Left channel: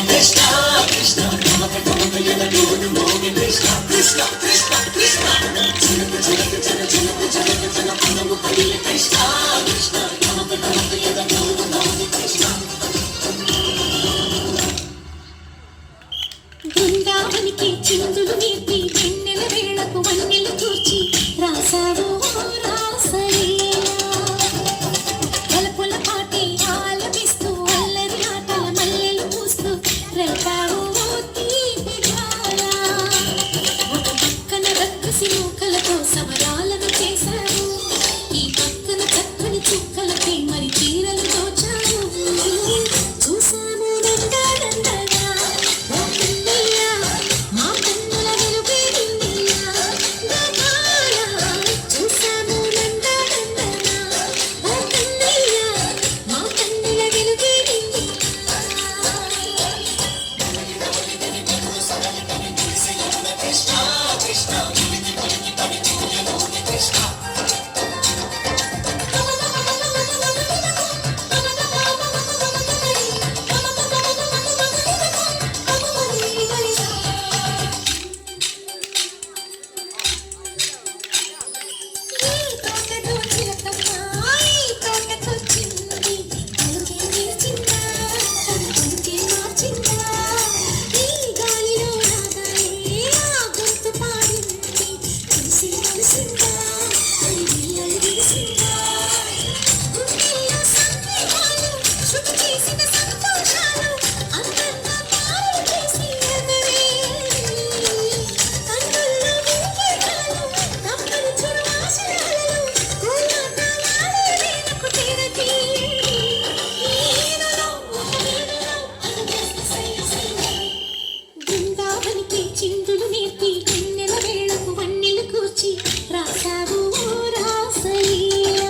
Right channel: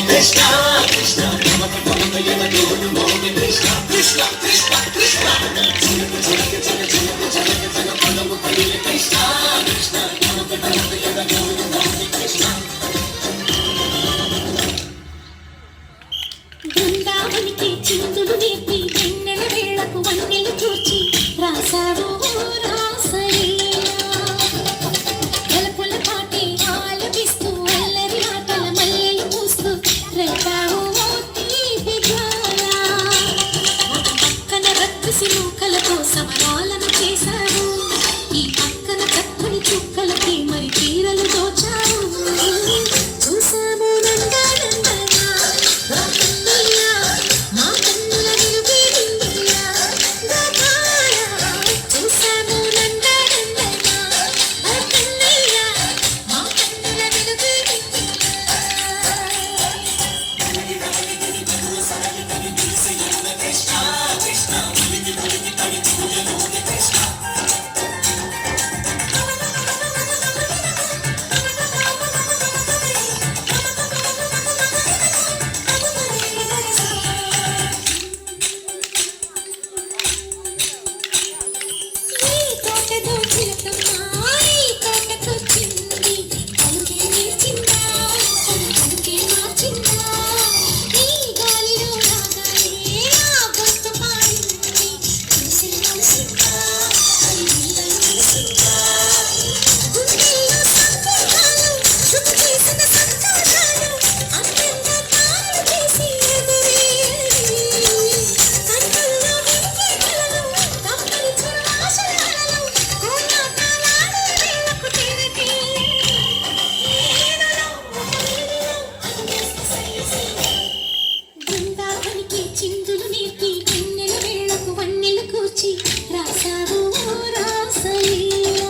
కృష్ణ కృష్ణ నమక నమక యమ గోను మోగి కృష్ణ కృష్ణ కృష్ణ కృష్ణ చిలక చిలక చల చిలక చిలక చల పదము పడిల కృష్ణ కృష్ణ నమక నమక యమ గోను మోగి కృష్ణ బృందావనికి చిందులు నేర్పి వెన్నెల వేళకు వన్నెలు చూచి రాసావు సమయాలను చేశారు ఈ పక్కన చక్కని చుక్కలకి మరి తీరలు దోచారు చూసాము నందనందనా మా కన్నుల నిలువే నిండియా చూసాము నందనందనా మా కన్నుల నిలువే చిందులు నేర్పి వెన్నెల వేళకు వన్నెలు కూర్చి రాసావు రాసలీలా